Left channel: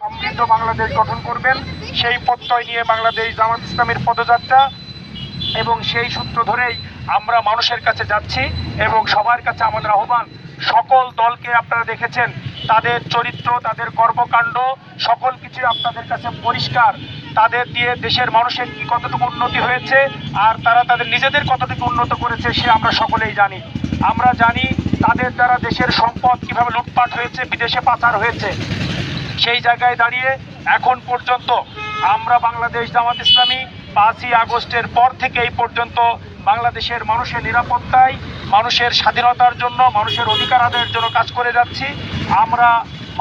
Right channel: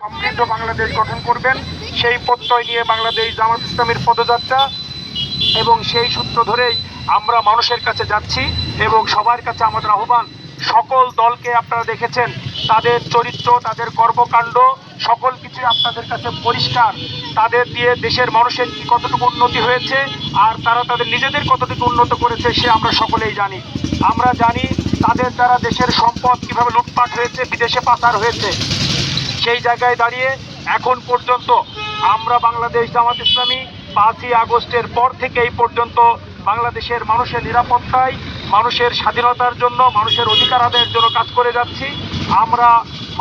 সমৃদ্ধ বাংলাদেশ গঠন করবেন, সেই প্রত্যয় নিয়ে বাংলাদেশ জামাত ইসলামের পদযাত্রা, এবং সেই সূত্র ধরেই আমরা মানুষের কাছে যাচ্ছি এবং সবার কাছে আমাদের আহ্বান। সকল দলকে আপনারা দেখেছেন, তাদের চরিত্র, তাদের কর্মকাণ্ড সকল কিছু আপনাদের কাছে পরিষ্কার। তাদের দিয়ে দেশের মানুষের কি কতটুকু উন্নতি হয়েছে আর তারা তাদের নিজেদের কতটুকু উন্নত করেছে সে আমরা সকলেই জানি। আমরা জানি তাদের দ্বারা দেশের সম্পদ কিভাবে লুটপাট হয়েছে, বিদেশে পাচার হয়েছে। সেই জায়গায় দাঁড়িয়ে এখন পর্যন্ত আমরা বাংলাদেশ জামাত ইসলামী 5ই আগস্টের পর থেকে এই পর্যন্ত বাংলাদেশের মানুষের নিরাপত্তায়, মানুষের স্বাধীনতার জন্য, মানুষের অধিকার আদায়ের জন্য কাজ করে যাচ্ছি। আমরা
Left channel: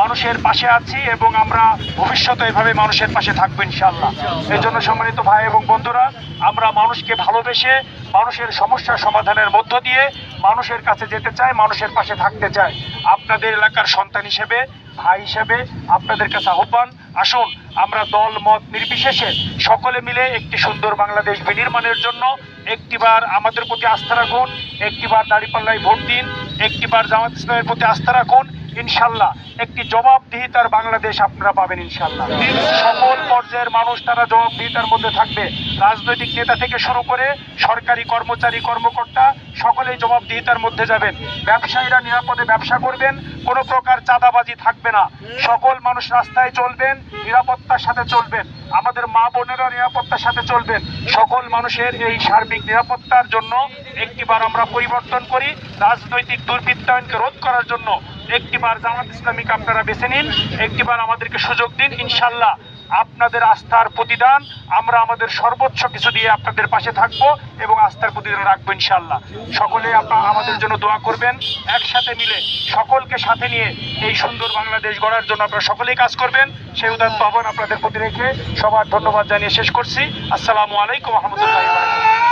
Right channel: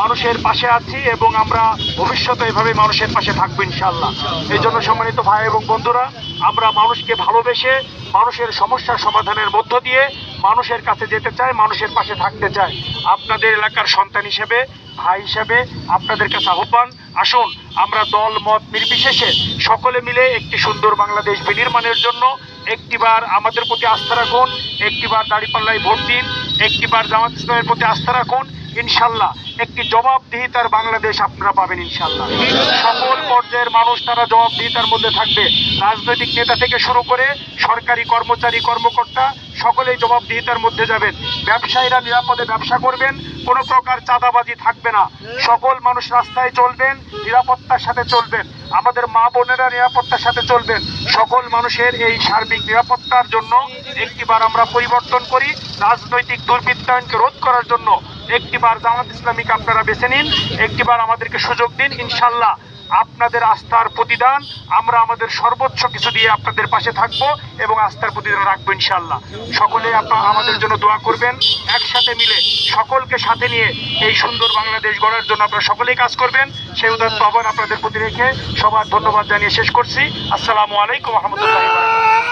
মানুষের পাশে আছি এবং আমরা ভবিষ্যতে এভাবে মানুষের পাশে থাকবো ইনশাআল্লাহ। এই জন্য সম্মানিত ভাই এবং বন্ধুরা, আমরা মানুষকে ভালোবেসে মানুষের সমস্যার সমাধানের মধ্য দিয়ে মানুষের কাছে যেতে চাই, মানুষের পাশে থাকতে চাই। আপনাদের এলাকার সন্তান হিসেবে, ভাই হিসেবে আপনাদের কাছে আহ্বান, আসুন আমরা দল মত নির্বিশেষে সকলে মিলে একটি সুন্দর বাংলাদেশ বিনির্মাণের জন্য একটিবার আমাদের প্রতি আস্থা রাখুন, একটিবার দাঁড়িপাল্লায় ভোট দিন, একটিবার জামাত ইসলামের প্রতি আস্থা রাখুন। ইনশাল্লাহ একটি জবাবদিহিতার বাংলাদেশ আপনারা পাবেন ইনশাল্লাহ। সকল পর্যায়ের মানুষ তারা জবাবদিহিতার মধ্যে থাকবে। রাজনৈতিক নেতা থেকে শুরু করে সরকারি কর্মচারী, কর্মকর্তা সকলেই জবাবদিহিতার মধ্যে যাবেন। ব্যবসায়ীরা নিরাপদে ব্যবসা করবেন, কোনো প্রকার চাঁদাবাজি থাকবে না। সকল মানুষ রাস্তায় চলবেন, নিরাপত্তার সাথে চলবেন। আমাদের মা বোনেরা নিরাপত্তার সাথে চলবেন। সকল মানুষের এই সার্বিক নিরাপত্তার জন্য একটিবার আমরা পরিবর্তন করি। রাজনৈতিক দুর্বৃত্তায়নকে রোধ করার জন্য একটিবার জামাত ইসলামীকে আপনারা বেছে নিন, একটিবার আমাদেরকে সুযোগ দিন। ইনশাল্লাহ আপনাদের আস্থার প্রতিদান আমরা আমাদের সর্বোচ্চ কিছু দিয়ে আপনাদের পাশে থাকবো এবং আস্থার প্রতিদান রাখবো ইনশাল্লাহ। সকলে আপনারা আমাদের জন্য দোয়া করবেন। একসাথে মিলে সকলকে সাথে নিয়ে এই সুন্দর বাংলাদেশ গড়ার জন্য আপনারা সকলেই কাজ করবেন, সেই উদাহরণ আহ্বান আপনাদের প্রতি রেখে সবার ধন্যবাদ জানিয়ে শেষ করছি। আসসালামু আলাইকুম ওয়া রাহমাতুল্লাহি ওয়া বারাকাতুহু।